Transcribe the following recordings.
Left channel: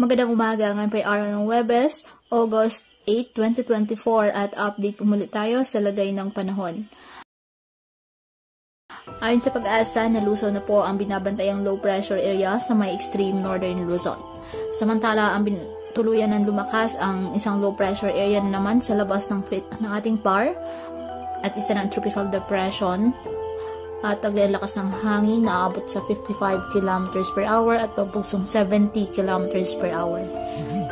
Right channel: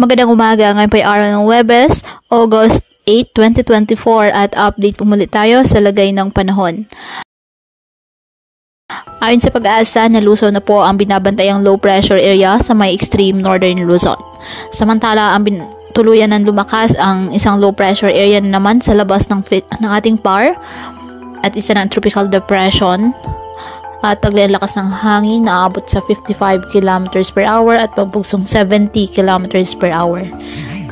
Magandang umaga, ngayon po ay araw ng Huwebes, August 8, 2024 at update po muli tayo sa lagay ng panahon. Ayon sa Pag-asa, nalusaw na po ang binabantayang low pressure area sa may extreme northern Luzon. Samantala, tuluyan ng lumakas ang isang low pressure area naman sa labas ng ating PAR at isa ng tropical depression. At taglay ang lakas ng hangin na aabot sa 55 km per hour at pagbugsong 70 km per hour.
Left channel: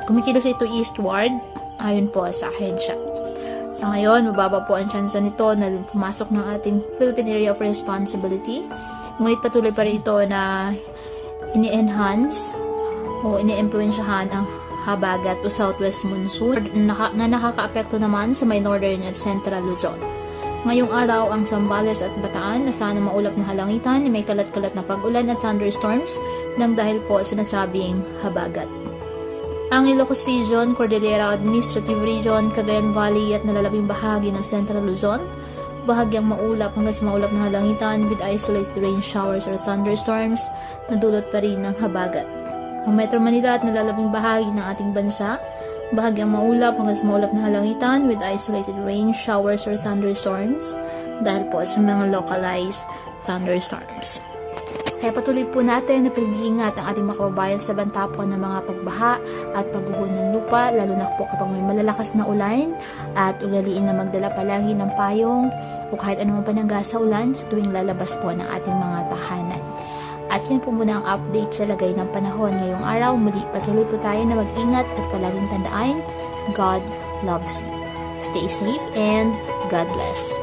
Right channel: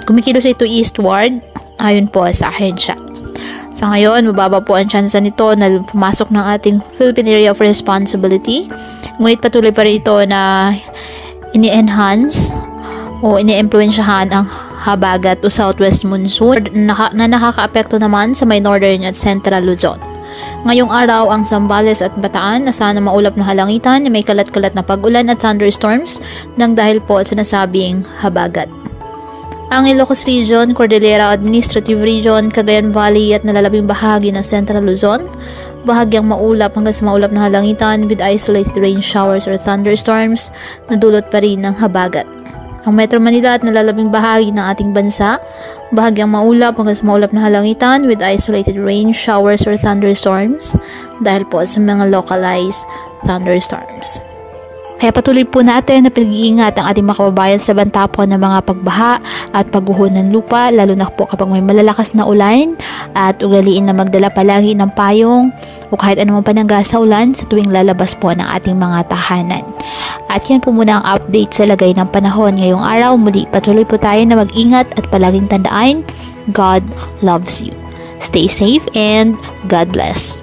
Kumikilos ito eastward ayon po sa ahensya. Sa ngayon, mababa po ang tsansa nito na pumasok ng ating Philippine Area of Responsibility. Ngunit patuloy pa rin ito na ini-enhance o ini-impluensyahan ang habagat o southwest monsoon na nakaka-apekto naman sa may northern at central Luzon. Ngayong araw, ang Zambales at Bataan asahan na maulap na halangitan na may kalat-kalat na pag-ulan at thunderstorms nang dahil po sa nasabing habagat. Ang Ilocos Region, Cordillera Administrative Region, Cagayan Valley at nalalabing bahagi ng Central Luzon, bahagyang maulap hanggang sa maulap na halangitan with isolated rain showers or thunderstorms na dulot pa rin ng habagat. Ang Metro Manila at nalalabing bahagi ng ating bansa, bahagyang maulap hanggang sa maulap na halangitan with isolated rain showers or thunderstorms dahil po sa mga localized thunderstorms. Kaya patuloy po natin na pinag-iingat ang ating mga kababayan sa banta po ng mga pagbaha at pagguho ng lupa, lalo na po kapag may malalakas na ulan, at ugaliin na magdala palagi ng payong o kahit anumang panangga sa ulan sa tuwing lalabas po ng ating mga tahanan. At yan po muna ang update sa lagay ng panahon ngayong araw. Muli patuloy po tayo na mag-ingat at palaging tandaan, God loves you. Stay safe and God bless.